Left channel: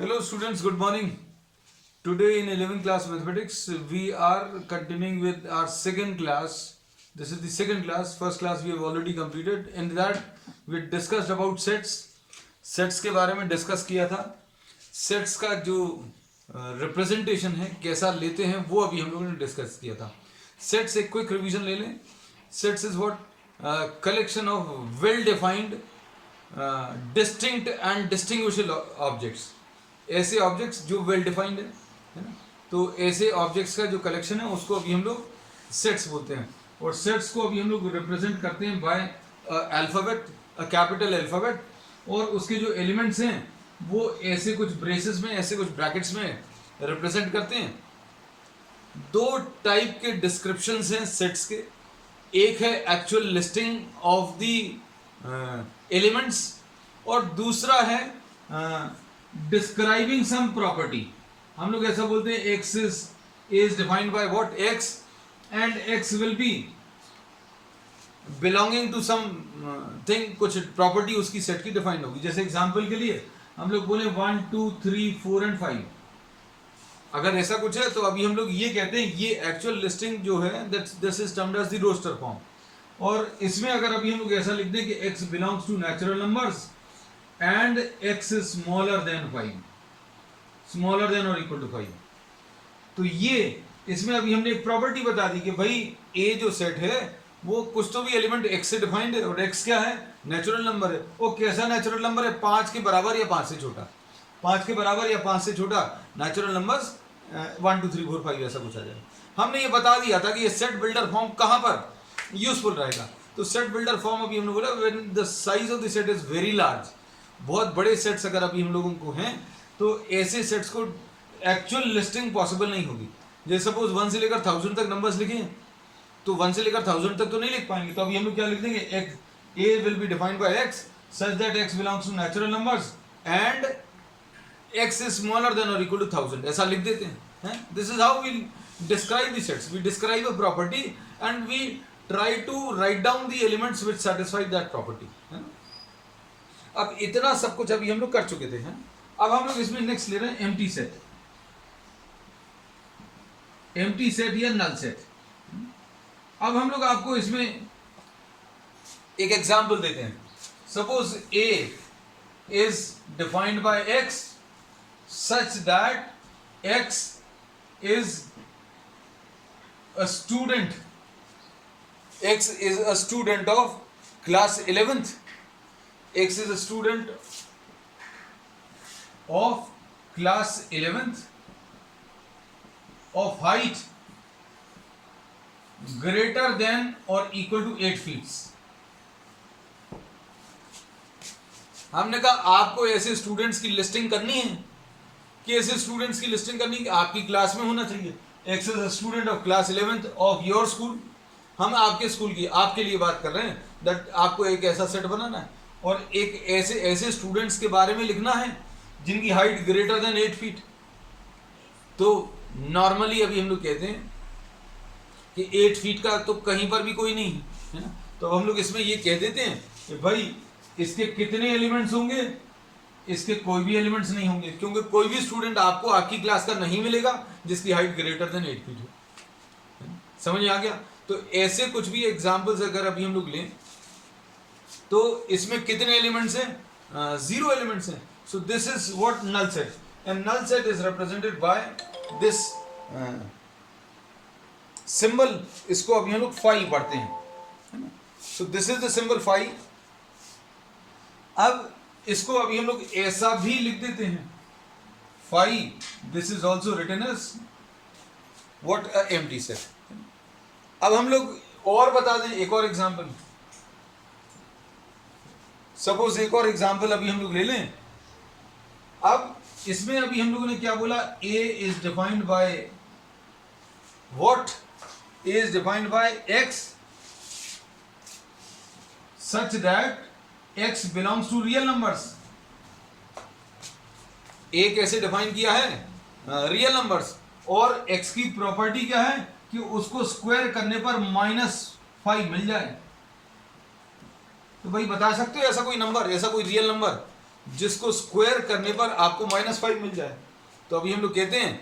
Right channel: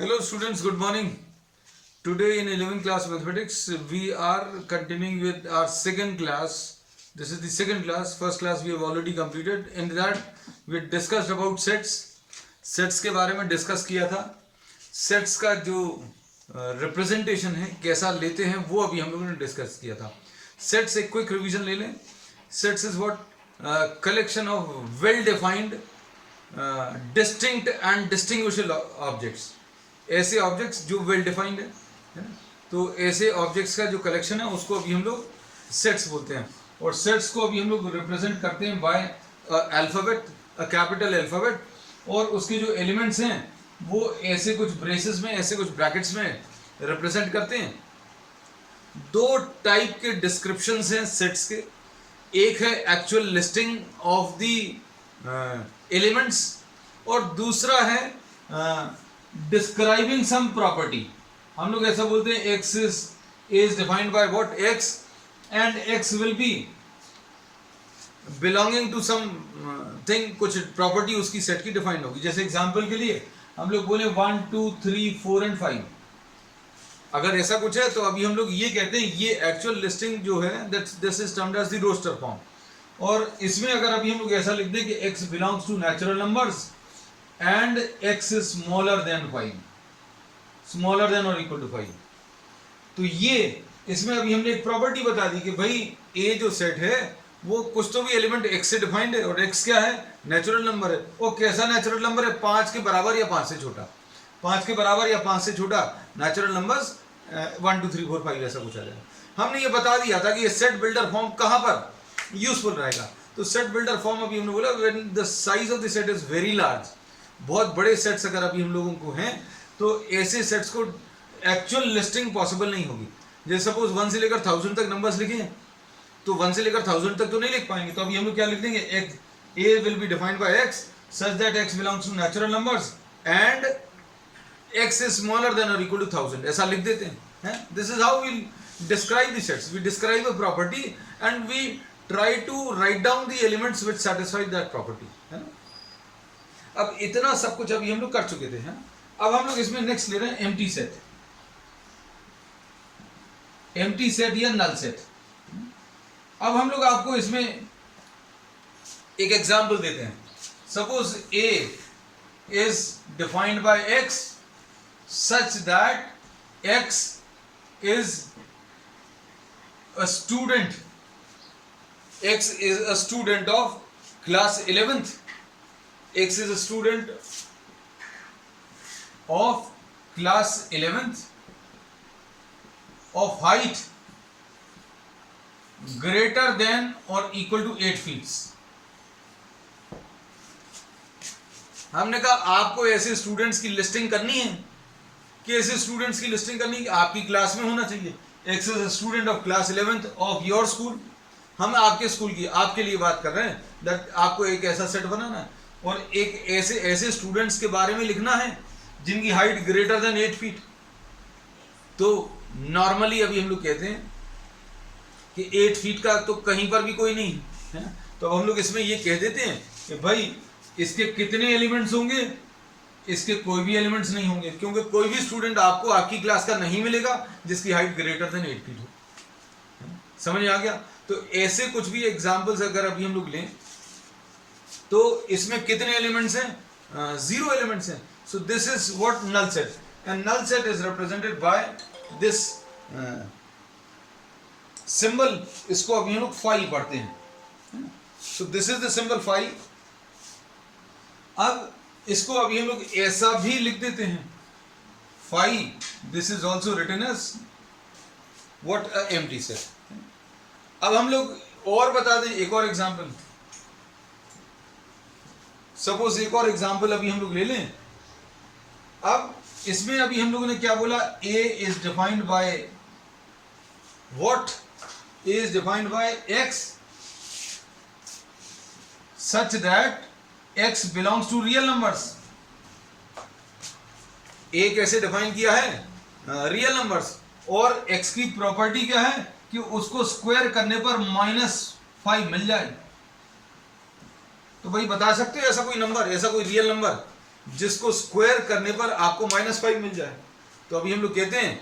Hello students, good morning. Today in 11th class mathematics, we are continuing with our second class. This is the second class. First class we have already completed. In that we discussed about sets. Sets के बारे में discuss किया था. Sets का जो representation है कैसा लेते हैं वो अभी हम लोगों ने डिस्कस किया था. Sets एक क्विक रिवीजन ले लें. Sets is what collection of well defined distinct and distinguishable objects. ऐसे ऑब्जेक्ट्स जो वेल डिफाइंड है ना, तो ऐसे ऑब्जेक्ट्स का जो कलेक्शन है उसको अभी हम लोग सेट्स बोलते हैं. और सेट्स को अभी हम लोग रिप्रेजेंट करते हैं by alphabet, a capital alphabet. और उसके जो एलिमेंट्स हैं वो ऐसे कुछ ब्रेसेस में, ऐसे कुछ ब्रैकेट्स में रिप्रेजेंट करते हैं. दो टाइप के डिस्क्रिप्शंस हैं सेट्स के. एक है actual listing of the elements और दूसरा है डिस्क्राइबिंग सम प्रॉपर्टी. हम लोग ऐसा बोलते हैं X is defined by what X and X will be belonging to something. कुछ प्रॉपर्टी उसकी सेट की डिफाइंड होगी. जैसे एग्जांपल के लिए हम लोग बोले 1 2 3 4 एंड 5. अगर ऐसा कुछ है तो अभी हम लोग ये कहते हैं ये एक्चुअल लिस्टिंग जो है this is termed as the roster form. और इसमें अगर अभी हम लोग ऐसा लिख दें कि x belongs to natural numbers and x is smaller than 5, smaller than or equal to 5, तो ये इसमें अभी हमने एक प्रॉपर्टी बता दी कि भाई a जो सेट है वो कुछ तो भी एलिमेंट x से डिफाइंड है और x क्या है, नेचुरल नंबर है. वो कैसा नेचुरल नंबर है, 5 के बराबर या 5 से छोटा. 5 के बराबर या 5 से छोटा नेचुरल नंबर्स 1 2 3 4 5 ऐसा कुछ आ जाए. हमने ये बता दिया था कि ये सेट बिल्डर फॉर्म कहाँ पर यूजफुल रहेगा. तो सेट बिल्डर फॉर्म अभी हमने बोला when the size of the set is very large. बहुत बड़े सेट्स अगर अभी हम लोगों को हैं तो ऐसे सेट्स को एक्चुअल लिस्टिंग पॉसिबल नहीं होगी. जैसे सपोज 1 से लेकर 1000 तक नंबर्स लिखे तो 1 से लेकर 1000 तक तो नहीं लिख पाएंगे. तो अभी हम लोग क्या लिख देंगे, a will be defined by x such that x belongs to natural numbers and x is smaller than और इक्वल टू 1000. ऐसा लिख देते हैं. This is how we describe the sets. We describe a property and we try to write down the elements which satisfy that property, है ना. अब इतना सब कुछ अभी हम लोग कर चुके थे. हैं अब हम लोग इसमें नेक्स्ट ले रहे हैं एम्प्टी सेट. एम्प्टी सेट या नल सेट. अब हम लोग आपको इसमें एक एग्जांपल देते हैं. Suppose a is defined by x such that x is a student. x is a student of class 11th. X is a student of class 11th of height greater than or equal to 8 feet. हमने कहा आपको ऐसे students की listing करनी है कि ऐसे students की लिस्टिंग करनी है आपकी क्लास में होना चाहिए. X is a student of class 11th of your school. हम आपके स्कूल की आपके लिए बात कर रहे हैं दैट आपको एक ऐसा सेट बनाना है और एक ऐसे स्टूडेंट्स के बारे में लिखना है जिनकी हाइट ग्रेटर देन 8 फीट. तो नॉर्मली अभी हम लोग कहते हैं कि 8 फीट का तो कहीं पर भी कोई नहीं है ना. तो अब हम लोग इसमें ये कह देते हैं कि भाई इसके कितने एलिमेंट्स होंगे, इसके कोई भी एलिमेंट्स नहीं होंगे क्योंकि कोई भी स्टूडेंट आपको आपकी क्लास का नहीं मिलेगा जिसकी हाइट ग्रेटर देन 8 फीट हो. समझ आ गया. तो ऐसे कुछ भी एग्जाम्पल्स अगर अभी हम लोग लें तो इसमें कितने एलिमेंट्स हैं, 0 एलिमेंट्स हैं. So this is what null set. And null set is represented by this symbol. इसको अभी हम लोग फाई पढ़ते हैं. So this is the symbol phi. अब इसको अभी हम लोग ऐसा भी लिख देते हैं phi. This is also written as what a empty set. अब हम लोग और बता दें एक और एग्जांपल. सपोज एक और एग्जाम्पल अभी हम लोग ले लें. अब इसमें अभी हम लोगों ने क्या बोला, a is defined by what, a is defined by x such that x belongs to real numbers. a कैसे डिफाइन किया है, रियल नंबर्स. और x की प्रॉपर्टी क्या है कि उसको स्क्वायर करने पर -5 मिल जाए. तो भाई बता सकते हो ऐसा कोई नंबर, ऐसा कोई रियल नंबर जिसको स्क्वायर करने पर आपको -5 मिल जाए। तो अभी हम लोग कहते हैं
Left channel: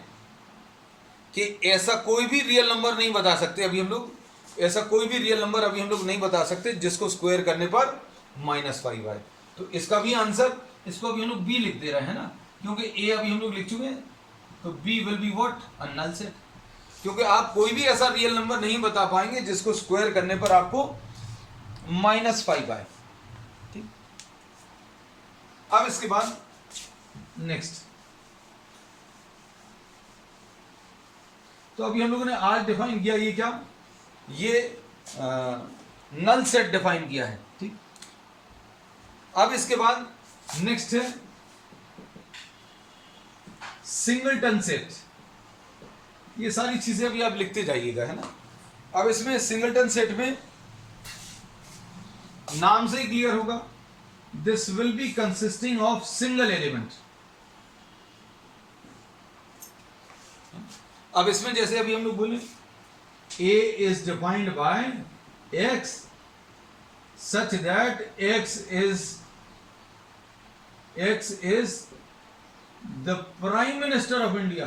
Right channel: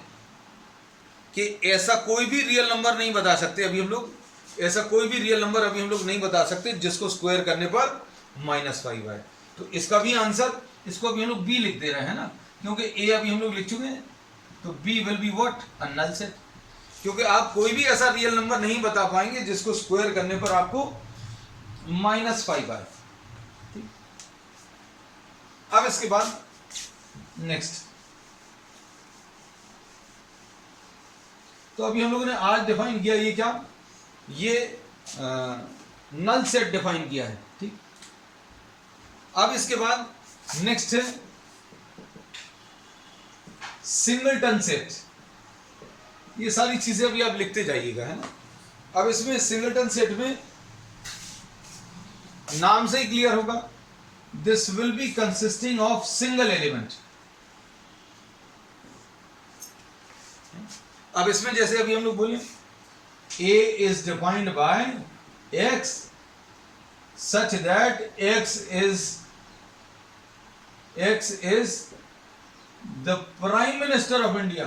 कि ऐसा कोई भी रियल नंबर नहीं बता सकते, अभी हम लोग ऐसा कोई भी रियल नंबर अभी हम लोग नहीं बता सकते जिसको स्क्वायर करने पर -5 आए। तो इसका भी आंसर, इसको अभी हम लोग बी लिख दे रहे हैं ना, क्योंकि ए अभी हम लोग लिख चुके हैं, तो B will be what, a null set. क्योंकि आप कोई भी ऐसा रियल नंबर नहीं बता पाएंगे जिसको स्क्वायर करने पर आपको -5 आए। ठीक, अब इसके बाद नेक्स्ट, तो अभी हम लोगों ने आज डिफाइन किया, ये क्या, ये नल सेट डिफाइन किया है। ठीक, अब इसके बाद नेक्स्ट है सिंगलटन सेट। ये सारी चीजें अभी आप लिखते जाइएगा, है ना। अब इसमें सिंगलटन सेट में नाम से ही क्लियर होगा, this will be consisting of single element. अब इसमें जैसे अभी हम लोग बोले A is defined by X such that X is the Prime Minister of India।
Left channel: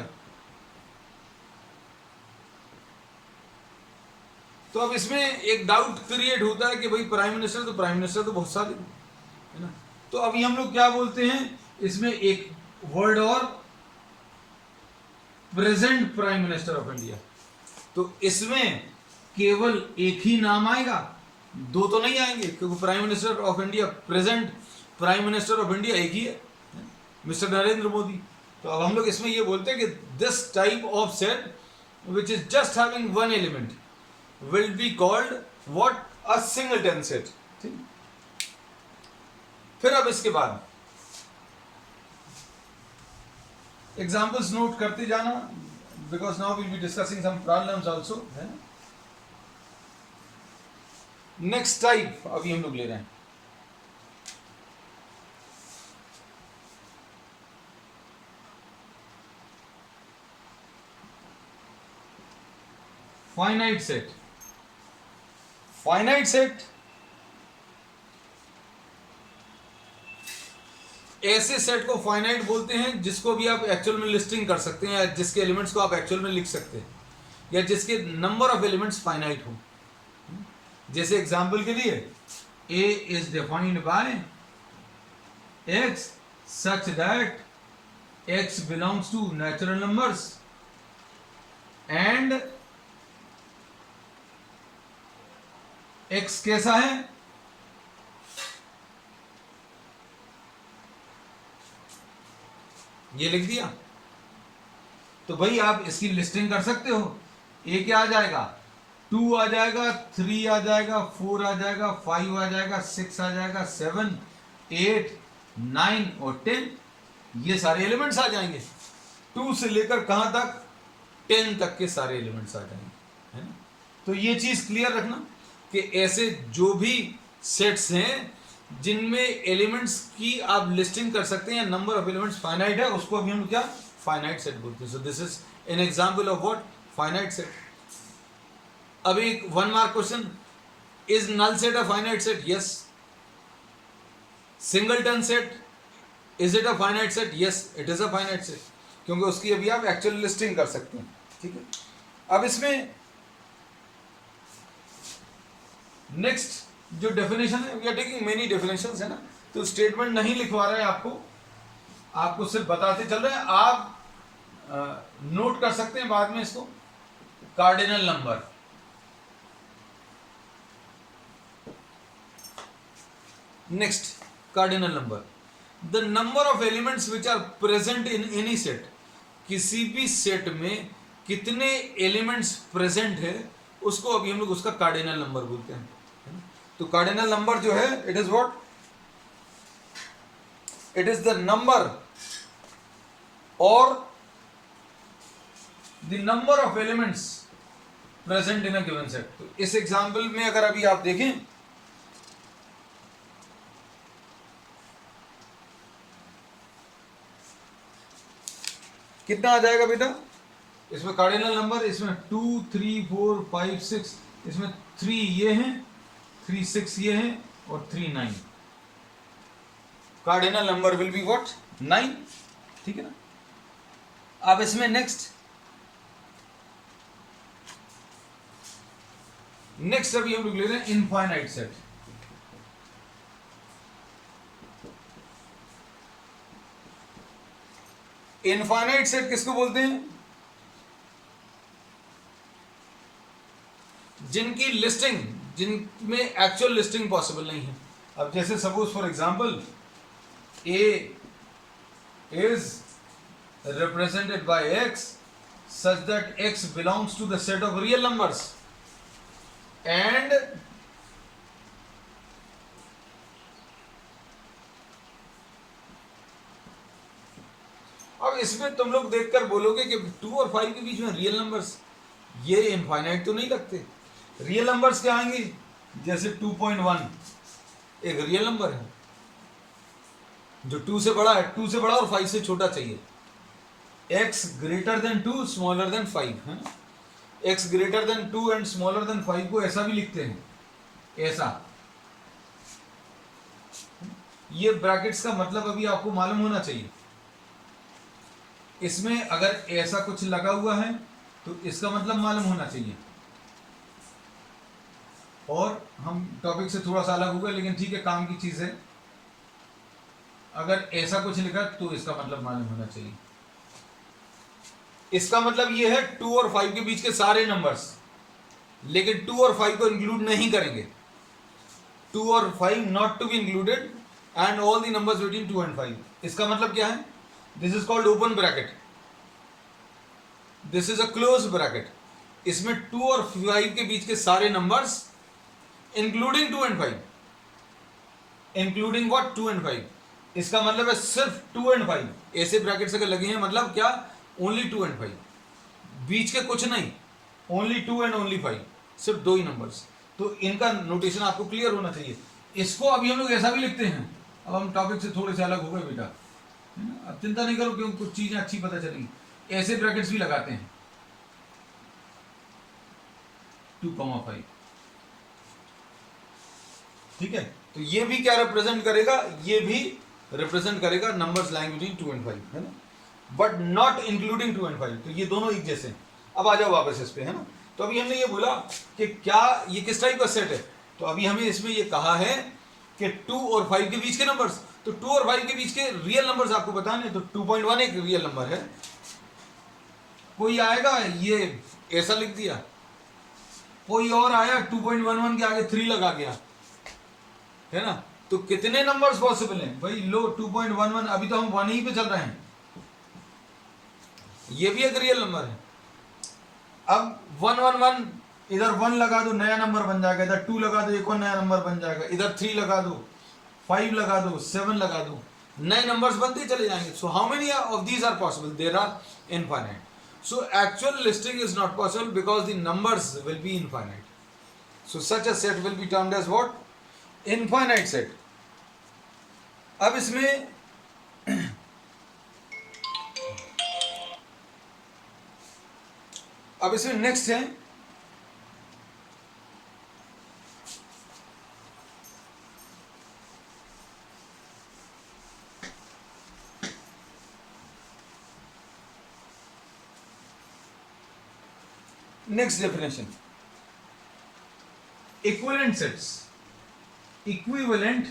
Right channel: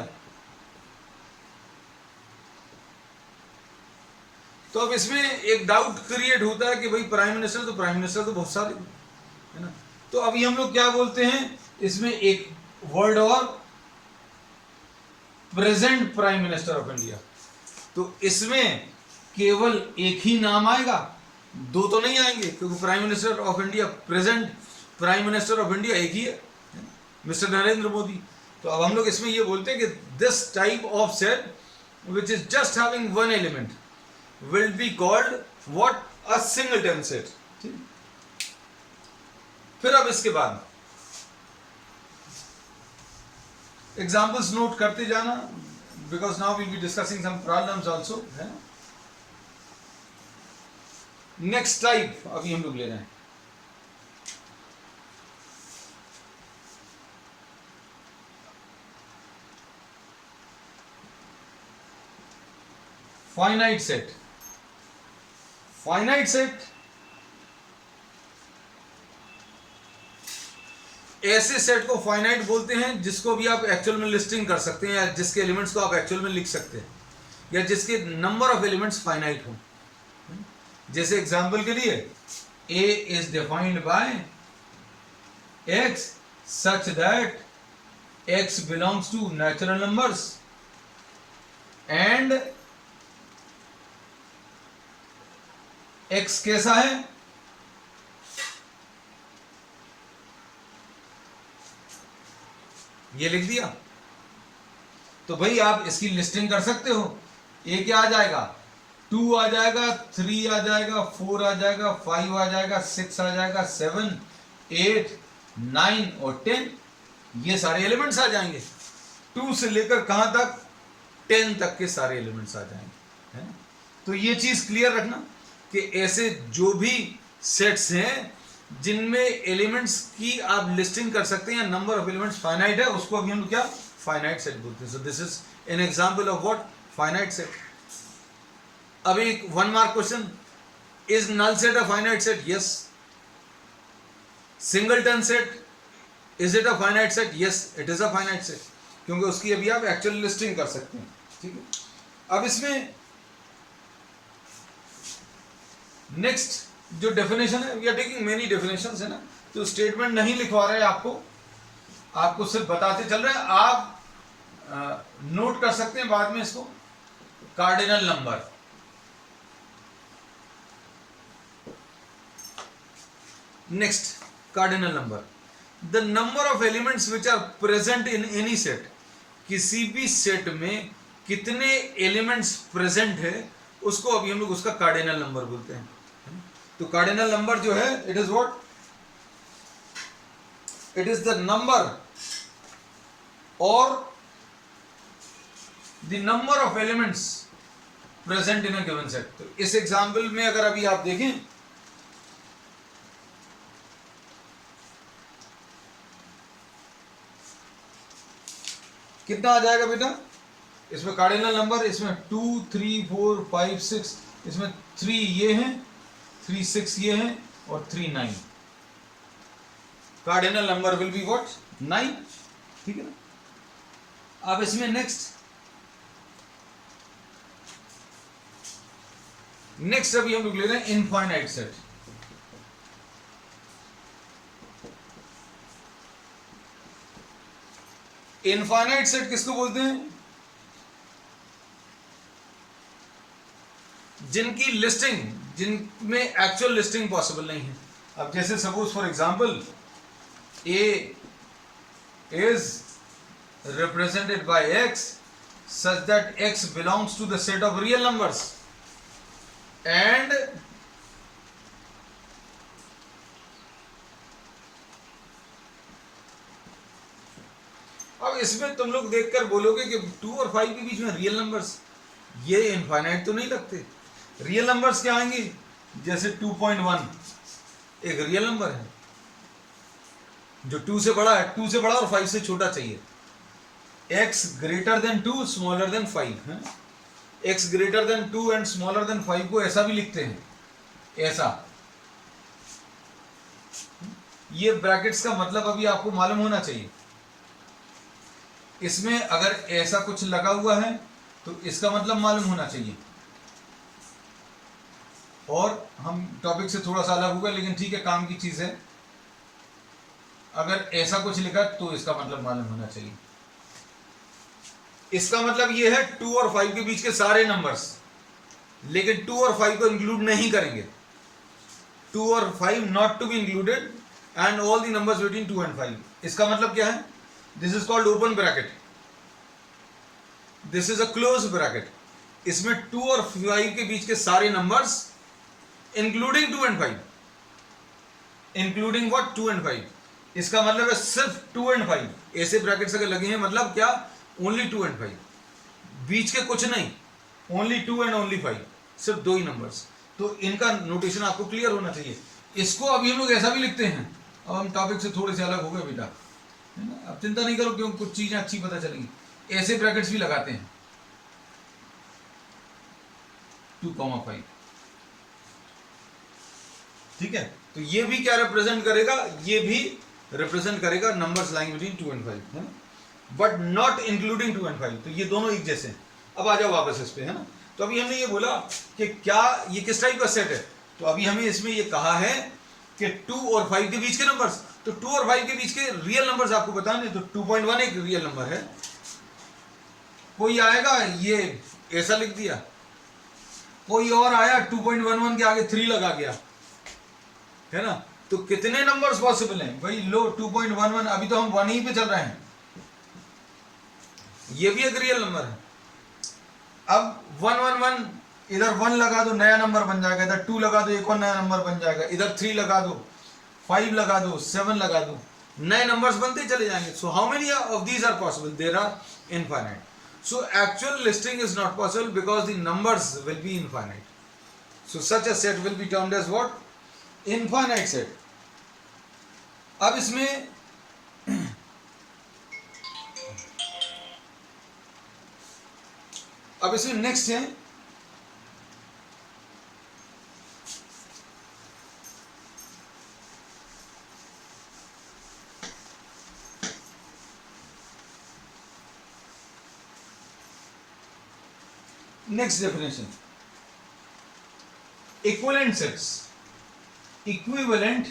तो अब इसमें एक डाउट क्रिएट होता है कि भाई प्राइम मिनिस्टर तो बहुत सारे है ना। तो अभी हम लोग क्या बोलते हैं, इसमें एक वर्ड और, present prime minister of India. तो इसमें केवल एक ही नाम आएगा, दो तो नहीं आएंगे, क्योंकि prime minister of India, present prime minister of India एक ही है, मिस्टर नरेंद्र मोदी। तो अब हम लोग इसमें ये बोलते हैं कि this type of set which is just having one element will be called what, a singleton set. ठीक, फिर अब इसके बाद एग्जाम्पल्स नोट करते जाना, because now will be discussing some problems also, है। नेक्स्ट टाइप अभी हम लोग ले रहे हैं, फाइनाइट सेट। फाइनाइट सेट ऐसे सेट को फाइनाइट बोलते हैं जिसको भी आप एक्चुअल में लिस्टिंग कर सकते हैं, या जिसके एलिमेंट्स को आप एक्चुअल में लिख सकते हैं, या जिसके नंबर ऑफ एलिमेंट्स फाइनाइट हो। जैसे एग्जांपल के लिए A is defined by X such that X belongs to natural numbers and X कैसा है, ये लिख दिया। तो भाई आप इसकी लिस्टिंग कर सकते हो। ए क्या आ जाएगा, 2 आ जाएगा, 3 आ जाएगा, 4 आ जाएगा, 5 आ जाएगा, 6 आ जाएगा, 7, 8, 9 और 10, ये सारे एलिमेंट्स आ जाएंगे। 2 से लेकर कहां तक, 10 तक के सारे एलिमेंट्स आ जाएंगे, है ना। तो ये चीज क्लियर रखना कि ऐसे जो भी सेट्स हैं जिनमें एलिमेंट्स की आप लिस्टिंग कर सकते हैं, या नंबर ऑफ एलिमेंट्स फाइनाइट है, उसको अभी हम क्या फाइनाइट सेट बोलते हैं। So this is an example of what, finite set. अभी एक 1 mark question, is null set a finite set? Yes. Singleton set, is it a finite set? Yes, it is a finite set, क्योंकि उसकी अभी आप actual listing कर सकते हैं। ठीक है, अब इसमें नेक्स्ट जो डेफिनेशन है, we are taking many definitions, है ना। तो स्टेटमेंट नहीं लिखवा रहे हैं आपको सिर्फ बताते चल रहे हैं। आप नोट कर सकते हैं बाद में इसको। Cardinal number, next cardinal number, the number of elements which are present in any set. किसी भी सेट में कितने एलिमेंट्स प्रेजेंट है, उसको अभी हम लोग उसका कार्डिनल नंबर बोलते हैं। तो कार्डिनल नंबर जो है, it is what, it is the number और the number of elements present in a given set. तो इस एग्जांपल में अगर अभी आप देखें, कितना आ जाएगा बेटा, इसमें कार्डिनल नंबर, इसमें 2, 3, 4, 5, 6, इसमें 3 ये हैं, 3, 6 ये हैं, और 3, 9। Cardinal number will be what 9, ठीक है ना। अब इसमें नेक्स्ट अभी हम लोग ले रहे हैं इनफाइनाइट सेट। इनफाइनाइट सेट किसको बोलते हैं? जिनकी लिस्टिंग, जिनमें एक्चुअल लिस्टिंग पॉसिबल नहीं है। अब जैसे suppose for example A is represented by x such that x belongs to the set of real numbers and अब इसमें तुम लोग देखकर बोलोगे कि 2 और 5 के बीच में रियल नंबर्स, ये इनफाइनाइट तो नहीं लगते। रियल नंबर्स क्या आएंगे? जैसे 2.1 एक रियल नंबर है जो 2 से बड़ा है, 2 से बड़ा और 5 से छोटा चाहिए। x greater than 2 smaller than 5 है। x greater than 2 and smaller than 5 को ऐसा भी लिखते हैं, ऐसा। ये ब्रैकेट्स का मतलब अभी आपको मालूम होना चाहिए। इसमें अगर ऐसा कुछ लगा हुआ है तो इसका मतलब मालूम होना चाहिए। और हम टॉपिक से थोड़ा सा अलग होगा लेकिन ठीक है, काम की चीज है। अगर ऐसा कुछ लिखा तो इसका मतलब मालूम होना चाहिए। इसका मतलब ये है 2 और 5 के बीच के सारे नंबर्स, लेकिन 2 और 5 को इंक्लूड नहीं करेंगे। 2 और 5 not to be included and all the numbers between 2 and 5। इसका मतलब क्या है? This is called open bracket, this is a close bracket. इसमें 2 और 5 के बीच के सारे numbers including 2 and 5, including what 2 and 5। इसका मतलब है सिर्फ 2 एंड 5। ऐसे ब्रैकेट्स अगर लगे हैं मतलब क्या? ओनली 2 एंड 5, बीच के कुछ नहीं, ओनली 2 एंड ओनली 5, सिर्फ 2 ही नंबर्स। तो इनका नोटेशन आपको क्लियर होना चाहिए। इसको अभी हम लोग ऐसा भी लिखते हैं। अब हम टॉपिक से थोड़े से अलग हो गए बेटा, है ना। अब चिंता नहीं करो क्योंकि कुछ चीजें अच्छी पता चलेंगी। ऐसे ब्रैकेट्स भी लगाते हैं 2,5, ठीक है। तो ये भी क्या रिप्रेजेंट करेगा? ये भी रिप्रेजेंट करेगा नंबर्स लाइंग बिटवीन 2 एंड 5, है ना, बट नॉट इंक्लूडिंग 2 एंड 5। तो ये दोनों एक जैसे हैं। अब आ जाओ वापस इस पे, है ना। तो अभी हमने ये बोला कि क्या ये किस टाइप का सेट है। तो अभी हमें इसमें ये कहा है कि 2 और 5 के बीच के नंबर्स, तो 2 और 5 के बीच के रियल नंबर्स आपको बताने। तो 2.1 एक रियल नंबर है। कोई आएगा ये ऐसा लिख दिया, कोई और आया 2.11 के आगे 3 लगा गया, है ना। तो कितने नंबर्स पॉसिबल हैं भाई? लो 2.11, अभी तो हम 1 ही पे चल रहे हैं, ये भी एक रियल नंबर है। अब 111, इधर 1 लगा दो नया नंबर बन जाएगा, इधर 2 लगा दो एक और नया नंबर बन जाएगा, इधर 3 लगा दो, 5 लगा दो, 7 लगा दो, नए नंबर्स बनते चले जाएंगे। So how many of these are possible? There are infinite. So actual listing is not possible because the numbers will be infinite. So such a set will be termed as what? Infinite set. अब इसमें next है next definition, equivalent sets. Equivalent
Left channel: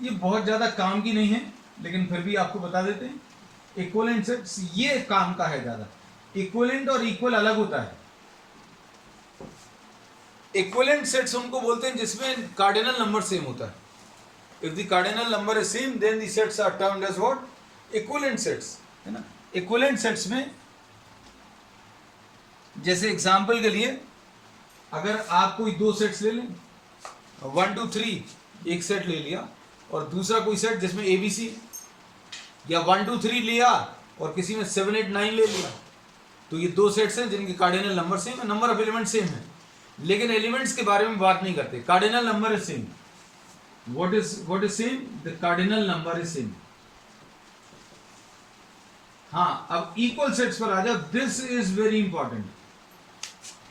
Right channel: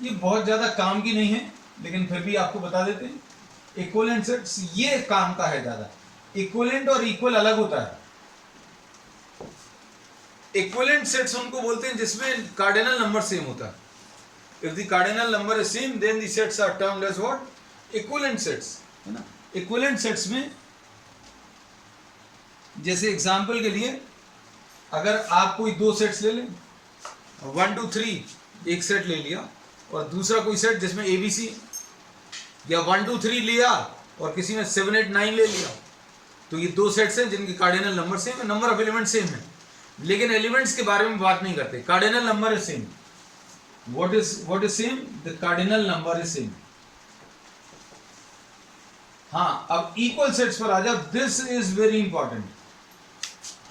ये बहुत ज्यादा काम की नहीं है लेकिन फिर भी आपको बता देते हैं। इक्विवेलेंट सेट्स ये काम का है ज्यादा। इक्विवेलेंट और इक्वल अलग होता है। इक्विवेलेंट सेट्स उनको बोलते हैं जिसमें कार्डिनल नंबर सेम होता है। If the cardinal number is same then the sets are termed as what? Equivalent sets, है ना। इक्विवेलेंट सेट्स में जैसे एग्जांपल के लिए अगर आप कोई 2 सेट्स ले लें, 1 2 3 एक सेट ले लिया और दूसरा कोई सेट जिसमें ABC, या 1 2 3 लिया और किसी में 7 8 9 ले लिया, तो ये 2 सेट्स हैं जिनके कार्डिनल नंबर सेम है, नंबर ऑफ एलिमेंट सेम है, लेकिन एलिमेंट्स के बारे में बात नहीं करते। Cardinal number is same. What is same? The cardinal number is same. हाँ, अब इक्वल सेट्स पर आ जाओ। This is very important.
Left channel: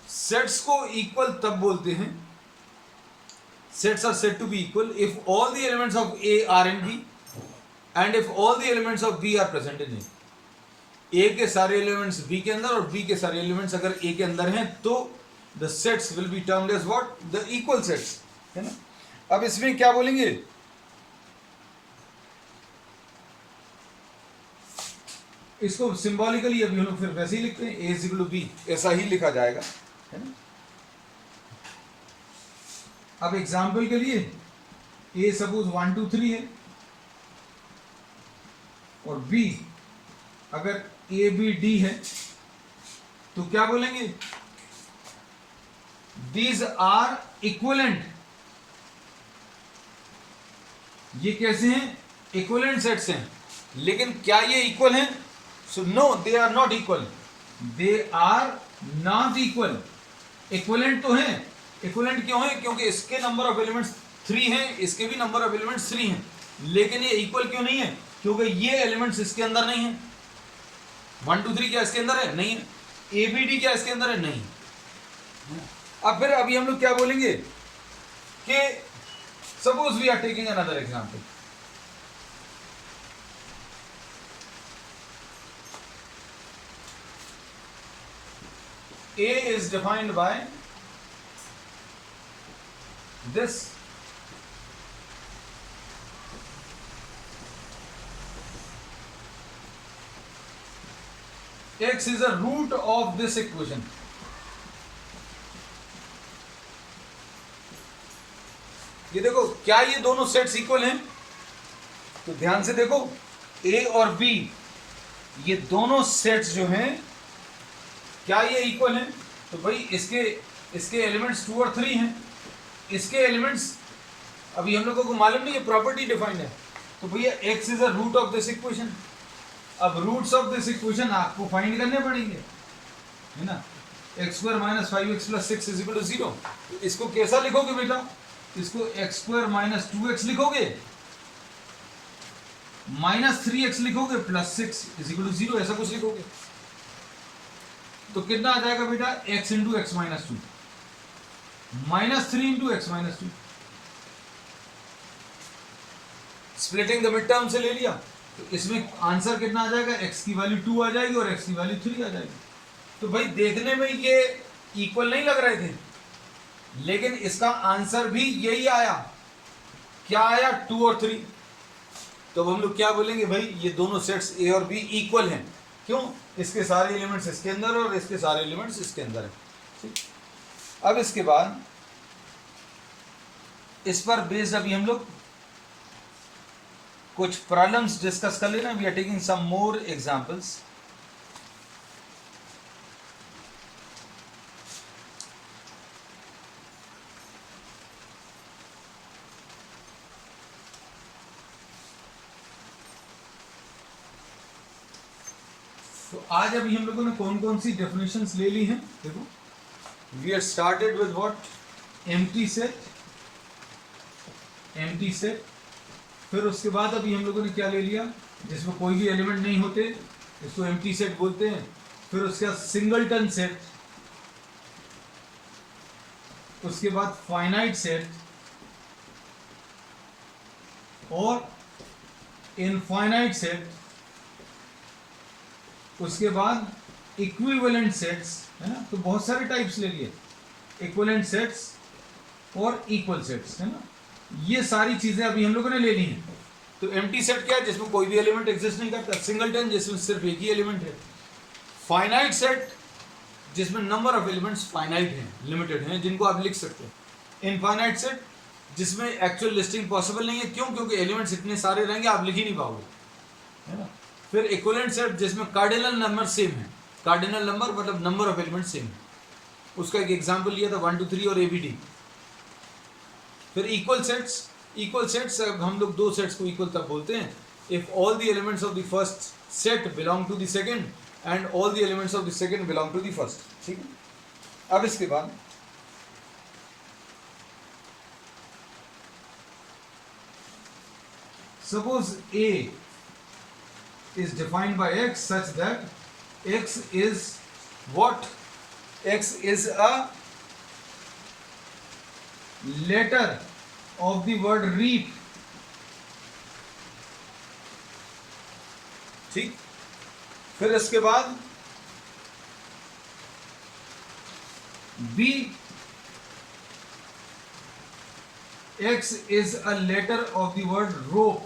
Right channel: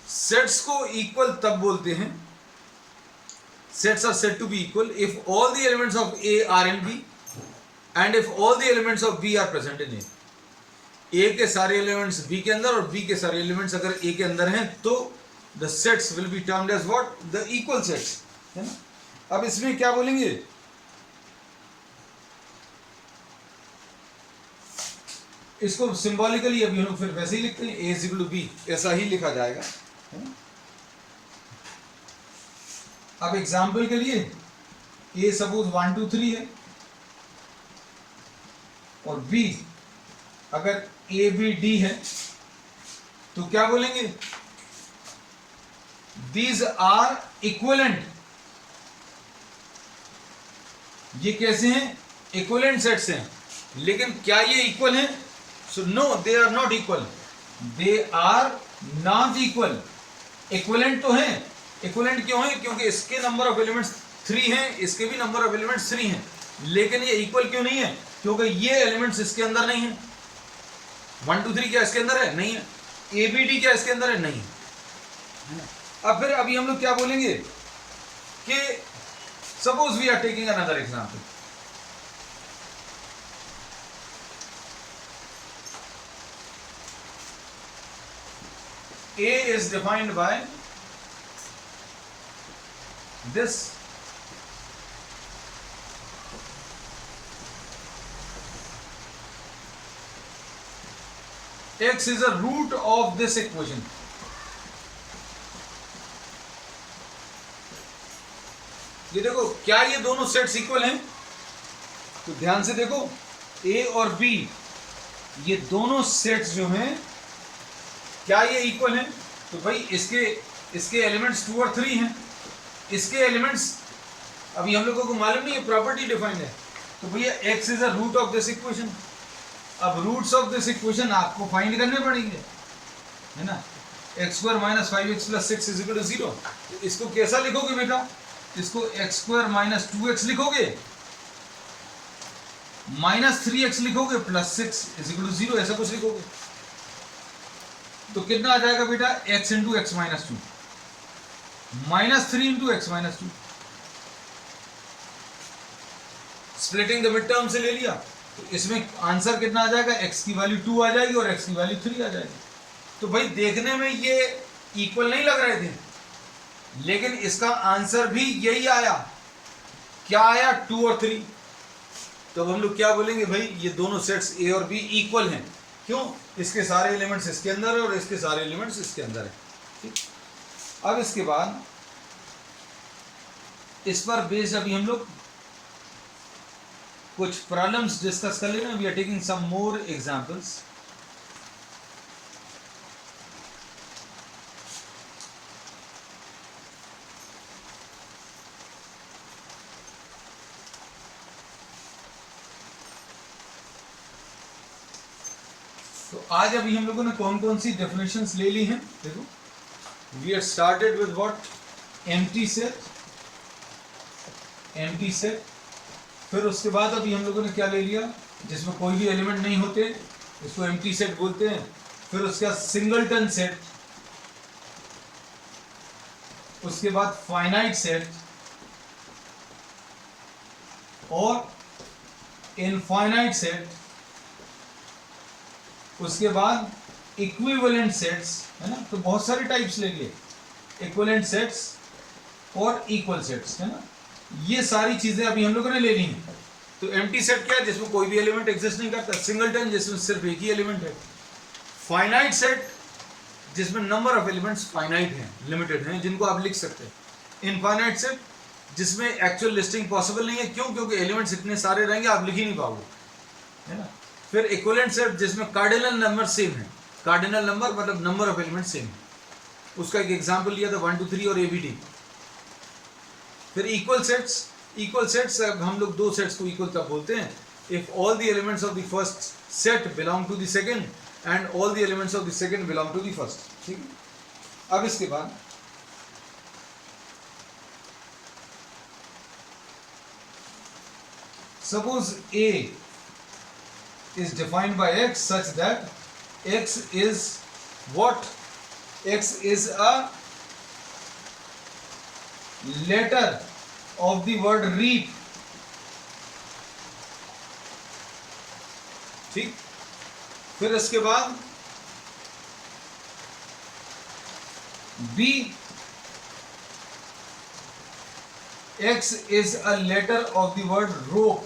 Sets को इक्वल तब बोलते हैं, sets are said to be equal if all the elements of A are in B and if all the elements of B are present in A के सारे elements B के अंदर और B के सारे एलिमेंट्स अगर ए के अंदर हैं तो the sets will be termed as what, the equal sets, है ना। अब इसमें क्या बोलेंगे, इसको सिंबॉलिकली अभी हम लोग फिर वैसे ही लिखते हैं, ए इज इक्वल टू बी, ऐसा ही लिखा जाएगा, है ना। अब एग्जाम्पल के लिए ए सपोज 1 2 3 है और बी अगर ए बी डी है तो क्या बोलेंगे, दीज आर इक्वलेंट। ये कैसे हैं, इक्वलेंट सेट्स हैं, लेकिन क्या ये इक्वल हैं, so no they are not equal, they are not equal. Equivalent तो हैं, इक्वलेंट क्यों है, क्योंकि इसके नंबर ऑफ एलिमेंट्स 3 हैं, इसके भी नंबर ऑफ एलिमेंट्स 3 हैं, लेकिन ये इक्वल क्यों नहीं है, क्योंकि ये एलिमेंट्स इसके अंदर नहीं है। 1 2 3 क्या इसके अंदर है, नहीं है। ए बी डी क्या इसके अंदर है, नहीं है ना। अब फिर अभी हम लोग क्या बोलेंगे कि suppose we are taking another example, A is defined by this x is a root of this equation. ये देखो क्या ये दोनों सेट्स इक्वल हैं, तो ध्यान से देखो A और B ये दोनों सेट्स जो हैं क्या ये इक्वल हैं, तो भाई इसके एलिमेंट्स 2 और 3 हैं, इसके एलिमेंट्स अभी हम लोगों को मालूम नहीं है, प्रॉपर्टी डिफाइंड है, तो भैया x is a root of this equation. अब रूट्स ऑफ दिस इक्वेशन आपको फाइंड करने पड़ेंगे, है ना। x² - 5x + 6 = 0। इसको कैसा लिखोगे बेटा, इसको x² - 2x लिखोगे, -3x लिखोगे, +6 = 0, ऐसा कुछ लिखोगे। तो कितना आ जाएगा बेटा, x × x - 2 -3 × x - 2। Splitting the mid term से ले लिया, तो इसमें आंसर कितना आ जाएगा, x की वैल्यू 2 आ जाएगी और x की वैल्यू 3 आ जाएगी। तो भाई देखने में ये इक्वल नहीं लग रहे थे, लेकिन इसका आंसर भी यही आया, क्या आया, 2 और 3। तो हम लोग क्या बोलेंगे, भाई ये दोनों सेट्स A और B इक्वल हैं, क्यों, इसके सारे एलिमेंट्स इसके अंदर है और इसके सारे एलिमेंट्स इसके अंदर है, ठीक। अब इसके बाद इस पर बेस्ड अभी हम लोग कुछ प्रॉब्लम्स डिस्कस कर लेना। We are taking some more examples. तो आज अभी हम लोगों ने कौन कौन सी डेफिनेशंस ले ली हैं, देखो we are started with what, empty set, empty set. फिर उसके बाद अभी हम लोगों ने क्या ले लिया, जिसमें कोई भी एलिमेंट नहीं होते, इसको एम्प्टी सेट बोलते हैं। फिर उसके बाद सिंगलटन सेट, उसके बाद फाइनाइट सेट और इनफाइनाइट सेट, उसके बाद इक्विवेलेंट सेट्स, है ना। तो बहुत सारे टाइप्स ले लिए, इक्विवेलेंट सेट्स और इक्वल सेट्स, है ना। ये सारी चीजें अभी हम लोगों ने ले ली हैं। तो एम्प्टी सेट क्या है, जिसमें कोई भी एलिमेंट एग्जिस्ट नहीं करता, सिंगलटन जिसमें सिर्फ एक ही एलिमेंट है, फाइनाइट सेट जिसमें नंबर ऑफ एलिमेंट्स फाइनाइट हैं, लिमिटेड हैं, जिनको आप लिख सकते हैं, इनफाइनाइट सेट जिसमें एक्चुअल लिस्टिंग पॉसिबल नहीं है, क्यों, क्योंकि एलिमेंट्स इतने सारे रहेंगे आप लिख ही नहीं पाओगे, है ना। फिर इक्विवेलेंट सेट जिसमें कार्डिनल नंबर सेम है, कार्डिनल नंबर मतलब नंबर ऑफ एलिमेंट सेम है, उसका एक एग्जांपल लिया था 1 2 3 और ABD। फिर इक्वल सेट्स, इक्वल सेट्स हम लोग दो सेट्स को इक्वल तब बोलते हैं if all the elements of the first set belong to the second and all the elements of the second belong to the first, ठीक है। अब इसके बाद suppose A is defined by x such that x is what, x is a letter of the word reap, ठीक। फिर इसके बाद B, X is a letter of the word rope।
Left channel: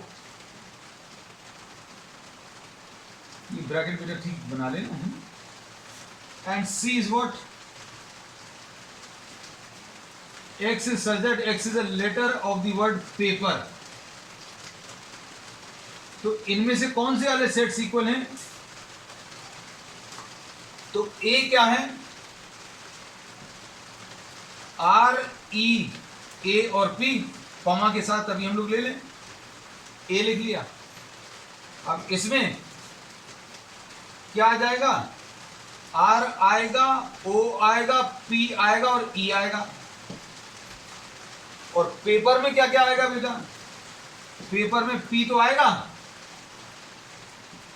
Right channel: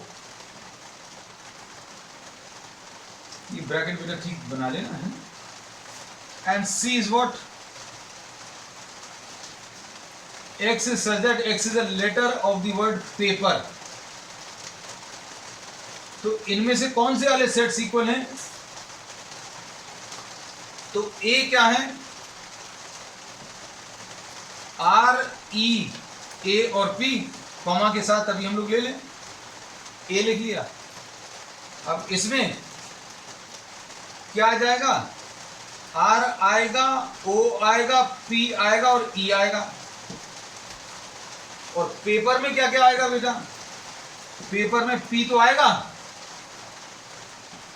ये ब्रैकेट बेटा ठीक बना लेना है। And C is what? X is such that X is a letter of the word paper। तो इनमें से कौन से वाले सेट्स इक्वल हैं? तो A क्या है? R, E, A और P कॉमा के साथ अभी हम लोग ले लें। A लिख लिया। अब इसमें क्या आ जाएगा? R आएगा, O आएगा, P आएगा और E आएगा। और पेपर में क्या क्या आएगा बेटा? पेपर में P तो आएगा,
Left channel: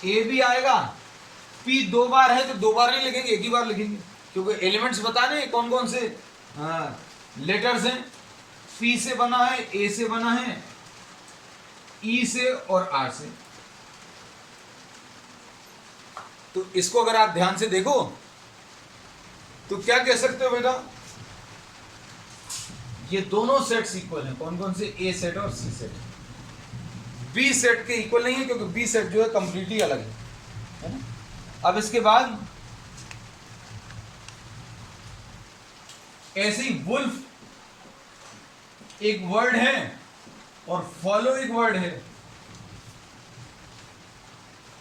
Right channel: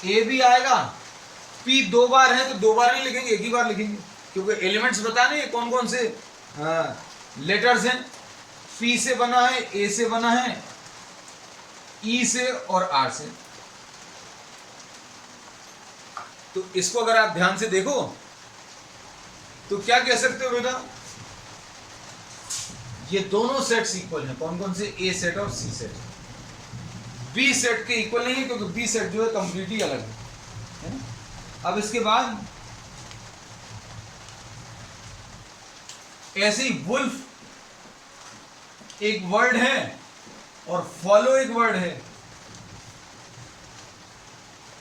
A भी आएगा, P दो बार है तो दो बार नहीं लिखेंगे, एक ही बार लिखेंगे, क्योंकि एलिमेंट्स बताने कौन कौन से लेटर्स हैं। P से बना है, A से बना है, E से और R से। तो इसको अगर आप ध्यान से देखो तो क्या कह सकते हो बेटा? ये दोनों सेट्स इक्वल हैं। कौन कौन से? A सेट और C सेट। B सेट के इक्वल नहीं है, क्योंकि B सेट जो है कंप्लीटली अलग है। अब इसके बाद ऐसे ही वुल्फ एक वर्ड है और फॉलो एक वर्ड है,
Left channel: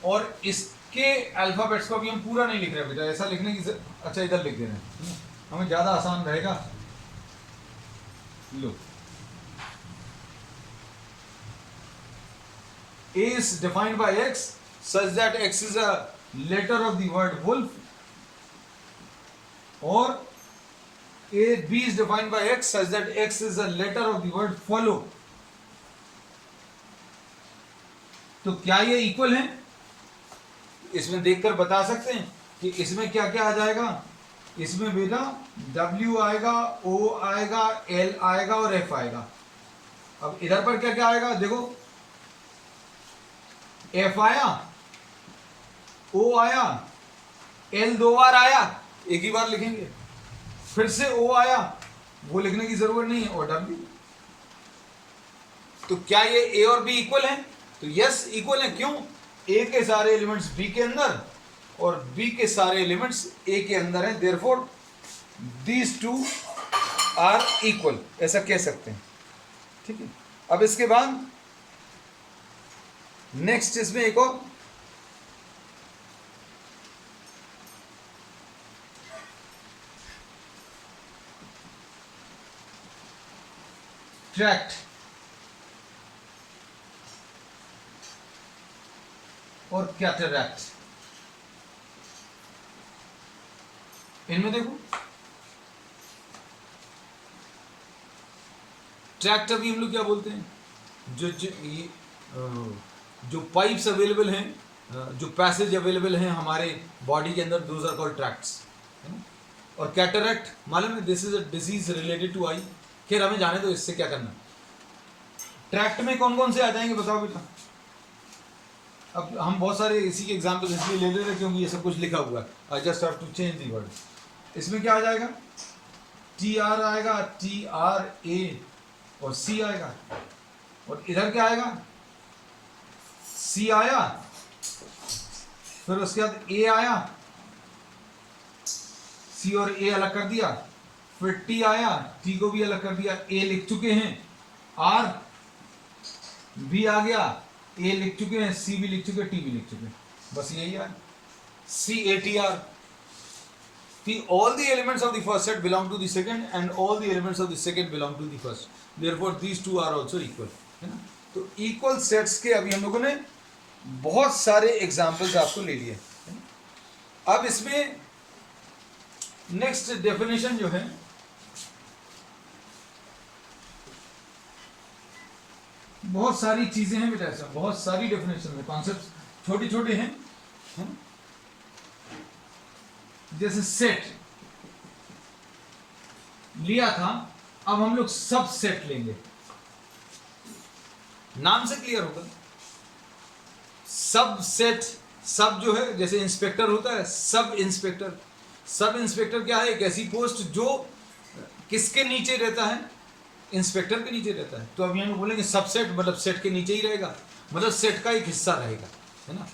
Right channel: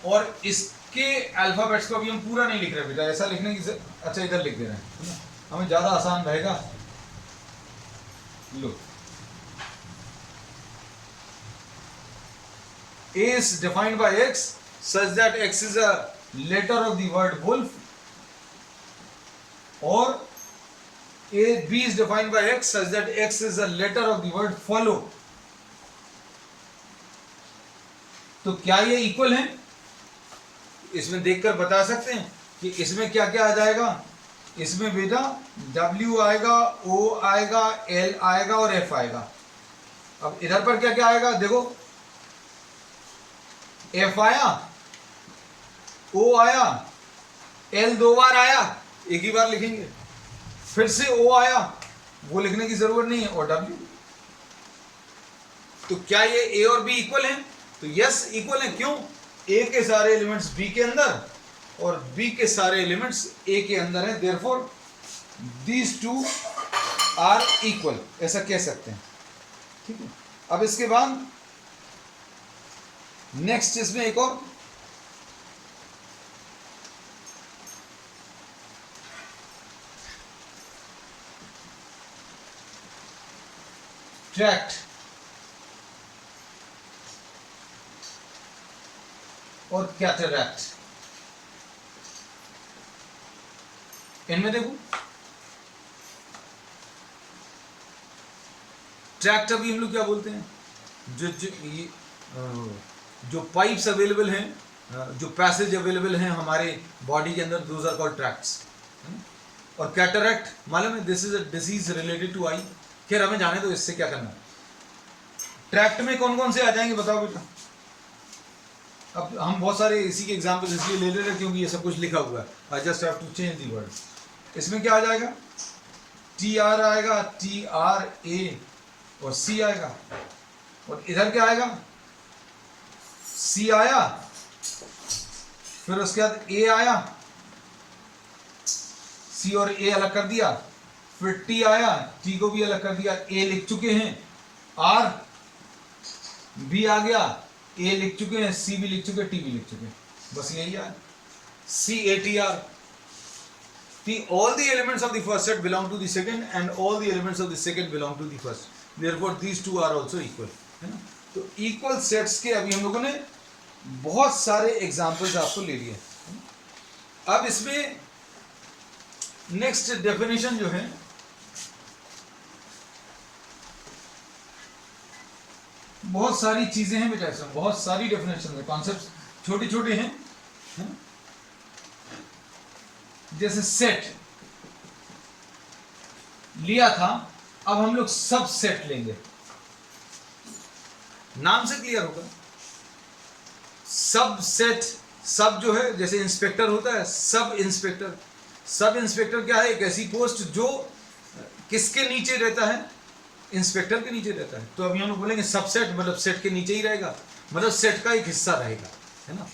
और इसके अल्फाबेट्स को अभी हम पूरा नहीं लिख रहे बेटा, ऐसा लिखने की अच्छा इधर लिख दे रहे हैं, हमें ज्यादा आसान रहेगा। लो, A is defined by X such that X is a letter of the word wolf, और B is defined by X such that X is a letter of the word follow। तो क्या ये इक्वल है? इसमें देखकर बता सकते हैं कि इसमें क्या क्या आ जाएगा। इसमें बेटा W आएगा, O आएगा, L आएगा और F आएगा। अब इधर पर क्या क्या आएगा देखो, F आया, O आया, L दो बार आया, एक ही बार लिखेंगे, फिर से O आया, वो लिखने की जरूरत नहीं है, और W। तो क्या ये A और B इक्वल हैं? तो यस इक्वल है। क्यों? A के सारे एलिमेंट्स B के अंदर और B के सारे एलिमेंट्स A के अंदर हैं, therefore these two are equal, ऐसा कह सकते हैं। ठीक है। अब इसके बाद नेक्स्ट इसमें एक और ट्रैक्ट और कैटरैक्ट। इनमें देखो, ट्रैक्ट अभी हम लोग क्या बोलते हैं, जो पाइप्स अवेलेबल हैं, जो पैसेज अवेलेबल हैं हमारे बॉडी के अंदर, दोज आर कॉल्ड ट्रैक्ट्स, है ना। और कैटरैक्ट मालूम है, this is a disease related to eye. खैर हमें जाने तो इससे क्या करना। ट्रैक्ट में कौन कौन से आ जाएंगे बताओ बेटा? अब हम बहुत सारे इसी के एग्जाम्पल्स इसलिए ले ले रहे क्योंकि ये सब कुछ लिखा हुआ है। I just have to change the words. इसमें क्या आ जाएगा? टी आर आएगा, टी आर ए और सी आएगा, और इधर क्या आएगा? सी आया, फिर उसके बाद ए आया, सी और ए अलग कर दिया, फिर टी आया, टी को भी अलग कर दिया, ए लिख चुके हैं, आर भी आ गया, ए लिख चुके हैं, सी भी लिख चुके हैं, टी भी लिख चुके हैं, बस यही है। C A T R. All the elements of the first set belong to the second and all the elements of the second belong to the first. Therefore these two are also equal, है ना। तो equal sets के अभी हम लोगों ने बहुत सारे एग्जांपल्स आपको ले लिए। अब इसमें नेक्स्ट डेफिनेशन जो है, बहुत सारी चीजें हैं बेटा, ऐसा बहुत सारी डेफिनेशन है, कॉन्सेप्ट छोटे छोटे हैं, है? जैसे सेट लिया था, अब हम लोग सब सेट लेंगे। नाम से क्लियर होगा, सब सेट सब जो है जैसे इंस्पेक्टर होता है, सब इंस्पेक्टर, सब इंस्पेक्टर क्या है, एक ऐसी पोस्ट जो किसके नीचे रहता है, इंस्पेक्टर के नीचे रहता है। तो अब हम लोग बोलेंगे सबसेट, मतलब सेट के नीचे ही रहेगा, मतलब सेट का एक हिस्सा रहेगा, है ना।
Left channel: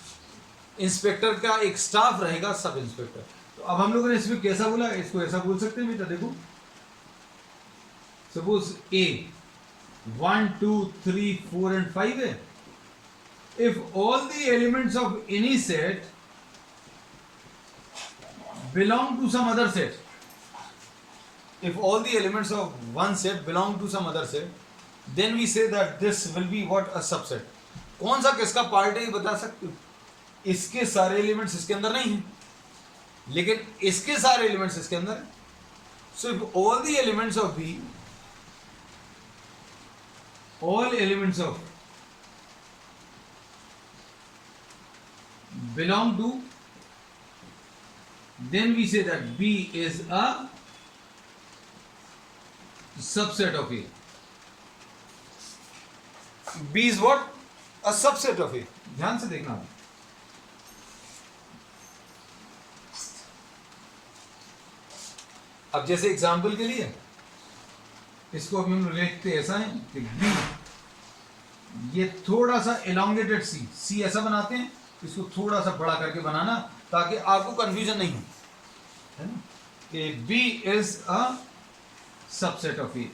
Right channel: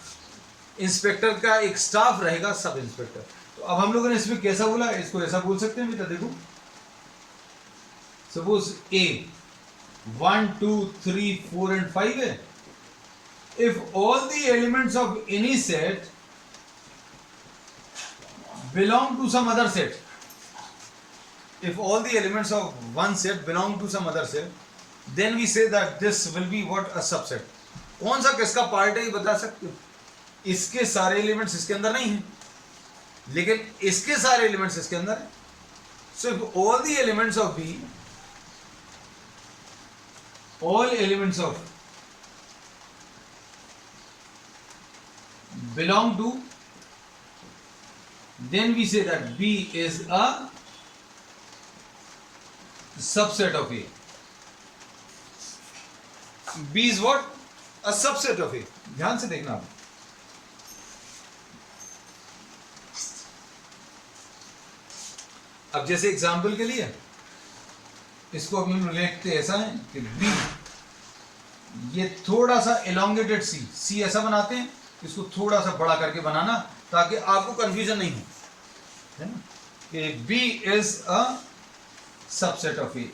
इंस्पेक्टर का एक स्टाफ रहेगा, सब इंस्पेक्टर। तो अब हम लोगों ने इसमें कैसा बोला, इसको ऐसा बोल सकते हैं बेटा, देखो सपोज ए 1 2 3 4 एंड 5 है। If all the elements of any set belong to some other set, if all the elements of one set belong to some other set, then we say that this will be what, a subset। कौन सा किसका part है ये बता सकते हो? इसके सारे एलिमेंट्स इसके अंदर नहीं हैं, लेकिन इसके सारे एलिमेंट्स इसके अंदर है। So if all the elements of B, all elements of belong to, then we say that B is a subset of A। B is what? A subset of A। ध्यान से देखना आप। अब जैसे एग्जाम्पल के लिए इसको अभी हम लोग लिखते ऐसा है कि B, ये थोड़ा सा एलोंगेटेड C ऐसा बनाते हैं, इसको थोड़ा सा बड़ा करके बनाना ताकि आपको कंफ्यूजन नहीं हो, है ना। कि B is a subset of A,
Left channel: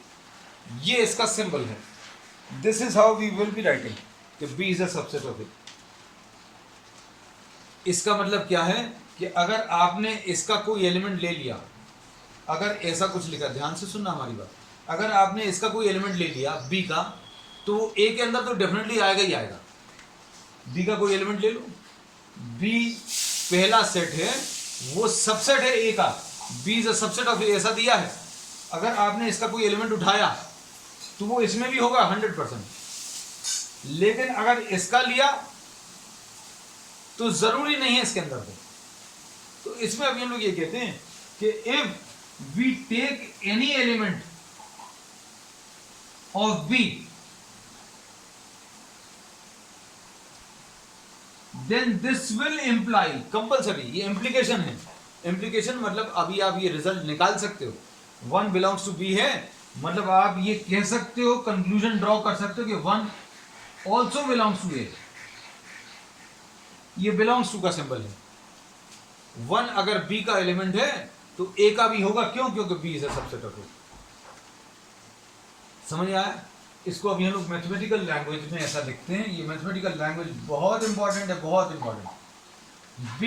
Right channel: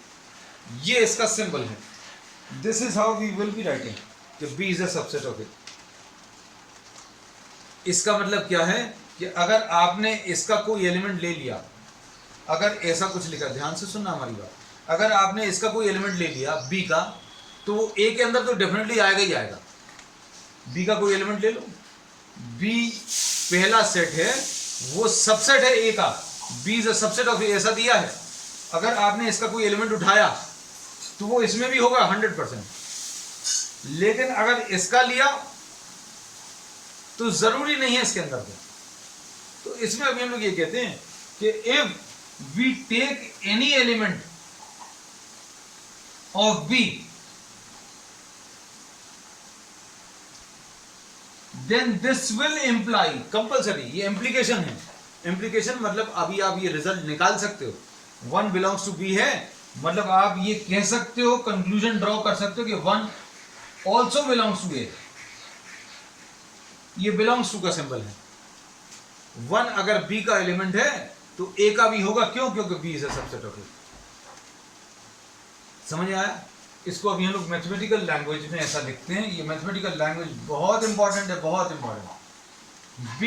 ये इसका सिंबल है। This is how we will be writing कि B is a subset of A. इसका मतलब क्या है कि अगर आपने इसका कोई एलिमेंट ले लिया, अगर ऐसा कुछ लिखा, ध्यान से सुनना हमारी बात, अगर आपने इसका कोई एलिमेंट ले लिया B का, तो A के अंदर तो डेफिनेटली आएगा ही आएगा। B का कोई एलिमेंट ले लो, B पहला सेट है, वो सबसेट है ए का, B is a subset of A, ऐसा दिया है। अगर आपने इसका कोई एलिमेंट उठाया तो वो इसमें भी होगा 100%, लेकिन अगर इसका लिया तो जरूरी नहीं है इसके अंदर हो। तो इसमें अभी हम लोग ये कहते हैं कि if we take any element of B, then this will imply, compulsory, ये इम्प्लीकेशन है। इम्प्लीकेशन मतलब अभी आप ये रिजल्ट निकाल सकते हो, 1 बिलोंग्स टू B है, मतलब आप ये कह सकते हो, कंक्लूजन ड्रॉ कर सकते हो कि 1 ऑल्सो बिलोंग्स टू A। ये बिलोंग्स टू का सिंबल है। 1 अगर B का एलिमेंट है तो A का भी होगा, क्यों? क्योंकि B is a subset of A। समझ आया? इसको अभी हम लोग मैथमेटिकल लैंग्वेज में ऐसा लिखते हैं। ये मैथमेटिकल लैंग्वेज बहुत इंपॉर्टेंट है, बहुत important. B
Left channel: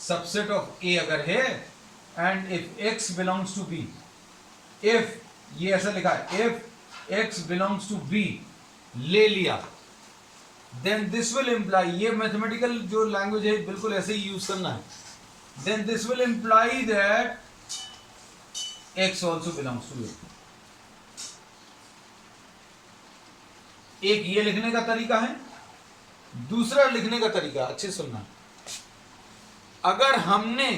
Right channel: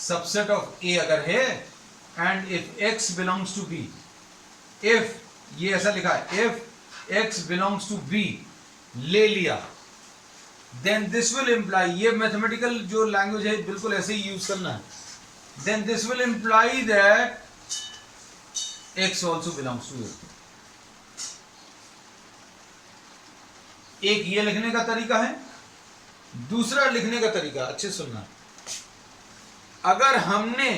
subset of A अगर है, and if X belongs to B, if ये ऐसा लिखा है, if X belongs to B ले लिया, देन दिस विल इम्प्लाई, ये मैथमेटिकल जो लैंग्वेज है बिल्कुल ऐसे ही यूज करना है, then this will imply that X also belongs to A। एक ये लिखने का तरीका है, दूसरा लिखने का तरीका अच्छे सुनना, अगर हमने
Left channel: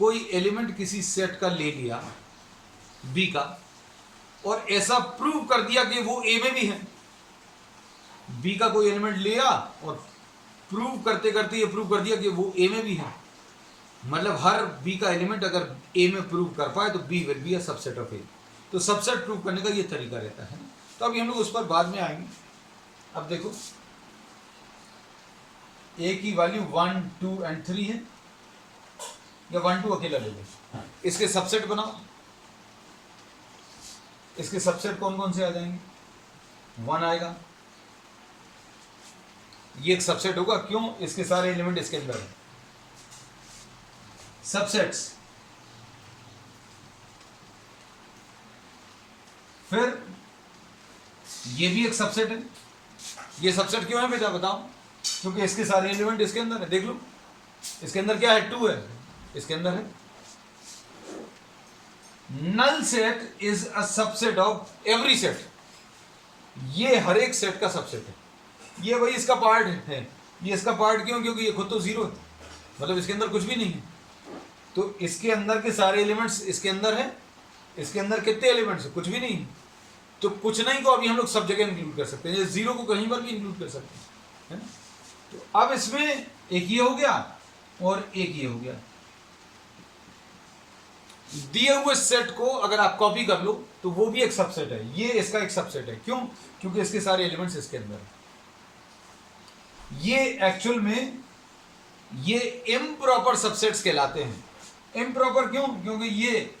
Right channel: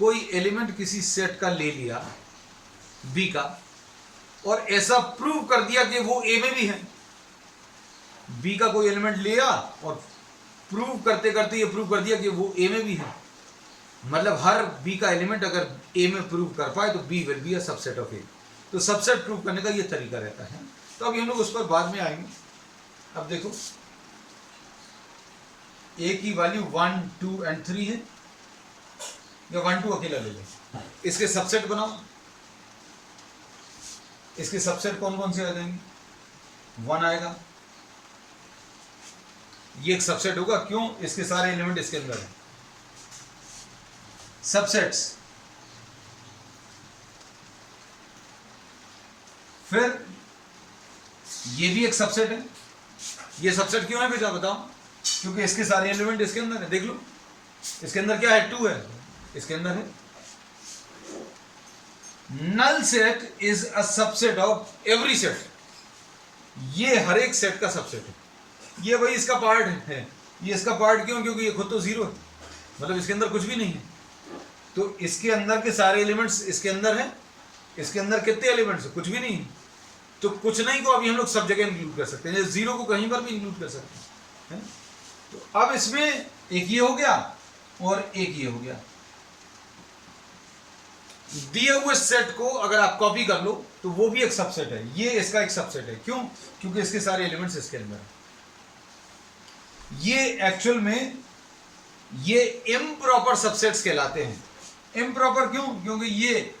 कोई एलिमेंट किसी सेट का ले लिया B का और ऐसा प्रूव कर दिया कि वो A में भी है, B का कोई एलिमेंट लिया और प्रूव करते करते ये प्रूव कर दिया कि वो A में भी है, मतलब हर B का एलिमेंट अगर A में प्रूव कर पाए तो B will be a subset of A। तो सबसेट प्रूव करने का ये तरीका रहता है। तो अभी हम लोग उस पर बाद में आएंगे। अब देखो A की वैल्यू 1 2 एंड 3 है, या 1 2 अकेला ले लो, इसके सबसेट बनाओ। इसके सबसेट कौन कौन से आ जाएंगे? 1 आएगा, ये एक सबसेट होगा, क्यों? इसके सारे एलिमेंट इसके अंदर है। सबसेट्स, फिर ये भी एक सबसेट है। ये सबसेट क्यों है बेटा बताओ? क्योंकि इसके सारे एलिमेंट इसके अंदर है। देख लो इसके अंदर क्या है, 2 है, इसके अंदर है। Null set is a subset of every set, ये हर एक सेट का सबसेट है। ये भाई इसका पार्ट है, ये इसका पार्ट क्यों? क्योंकि ये खुद तो 0 है, मतलब इसके अंदर कुछ भी नहीं है। तो इसके अंदर के सारे एलिमेंट्स इसके अंदर है। इसके अंदर कितने एलिमेंट्स है? कुछ भी नहीं है। तो कुछ नहीं को अभी हम लोग सब जगह इंक्लूड कर सकते हैं, 0 को कहीं पर भी इंक्लूड कर सकते हैं। तो अब इसमें एक ये हो गया और एक ये हो गया। दिए हुए सेट को अगर आप कॉपी कर लो तो वो भी एक सबसेट है, ये इसका एक सबसेट है। क्यों? क्योंकि इसके सारे एलिमेंट्स इसके अंदर है। ये एक्चुअल में ये इम्प्रॉपर सबसेट्स कहलाते हैं। इम्प्रॉपर क्यों? क्योंकि ये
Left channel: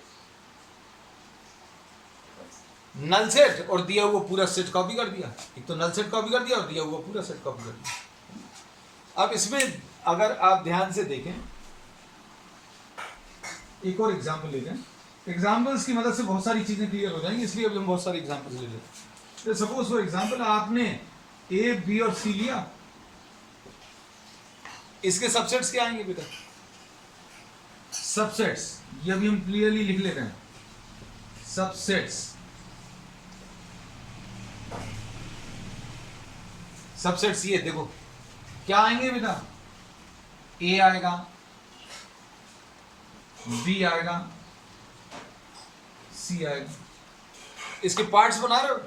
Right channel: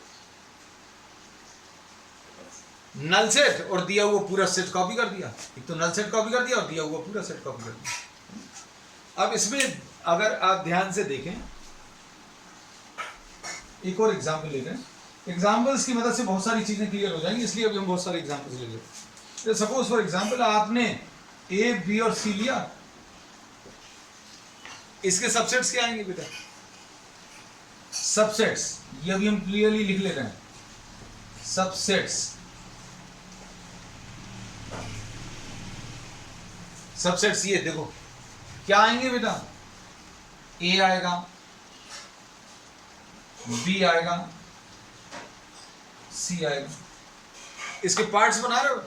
नल सेट और दिया हुआ पूरा सेट कॉपी कर दिया। एक तो नल सेट कॉपी कर दिया और दिया हुआ पूरा सेट कॉपी कर दिया। अब इसमें अगर आप ध्यान से देखें, एक और एग्जाम्पल ले लें। एग्जाम्पल्स की मदद से बहुत सारी चीजें क्लियर हो जाएंगी, इसलिए अभी हम बहुत सारे एग्जाम्पल्स ले लेते हैं। सपोज फॉर एग्जाम्पल आपने ए, बी और सी लिया, इसके सबसेट्स क्या आएंगे बेटा? सबसेट्स ये अभी हम क्लियरली लिख ले रहे हैं। सबसेट्स, सबसेट्स ये देखो क्या आएंगे बेटा? ए आएगा, बी आएगा, सी आएगा। इसके पार्ट्स बना रहे हो,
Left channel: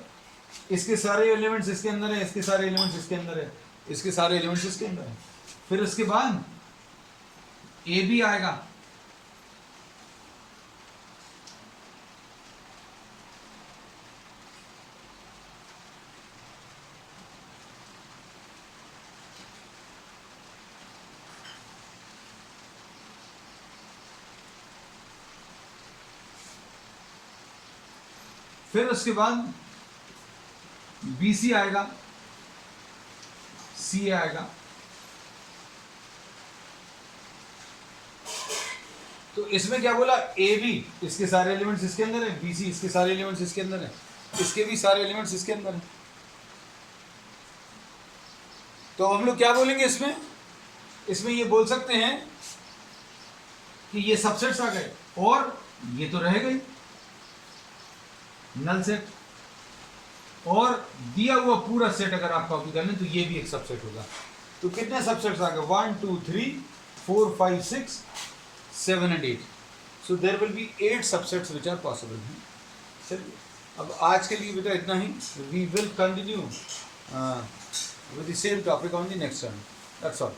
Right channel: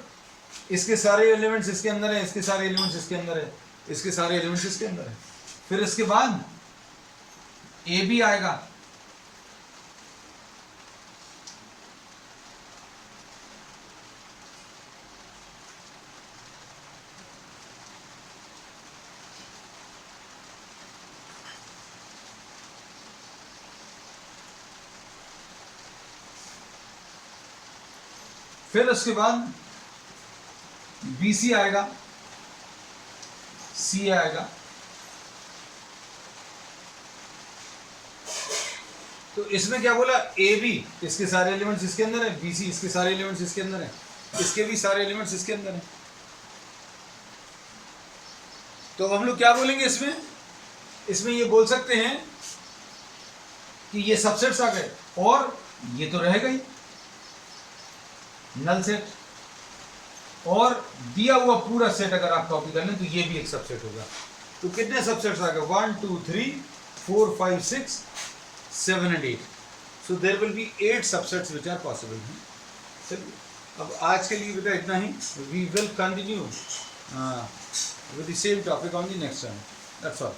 इसके सारे एलिमेंट्स इसके अंदर है, इसके सारे एलिमेंट्स इसके अंदर है, इसके सारे एलिमेंट्स इसके अंदर है। फिर इसके बाद ए बी आएगा, फिर उसके बाद बी सी आएगा, सी आएगा। तो इसमें क्या बोला? ए बी इसके सारे एलिमेंट्स इसके अंदर है, बी सी इसके सारे एलिमेंट्स इसके अंदर है, इसके भी सारे एलिमेंट्स इसके अंदर है। तो हम लोग क्या बोलेंगे इसमें? इसमें ये बोल सकते हैं कि ये सबसेट्स आ गए और ये तो रहेगा ही नल सेट, और दिया हुआ पूरा सेट अगर आप कॉपी कर लें तो ये भी एक सबसेट होगा। तो कितने सबसेट्स आ गए? 1 2 3 4 5 6 7 and 8। So there will be 8 subsets which are possible. चलिए अब आज के लिए बेटा इतना ही। We will continue with the same topic on the next time. That's all.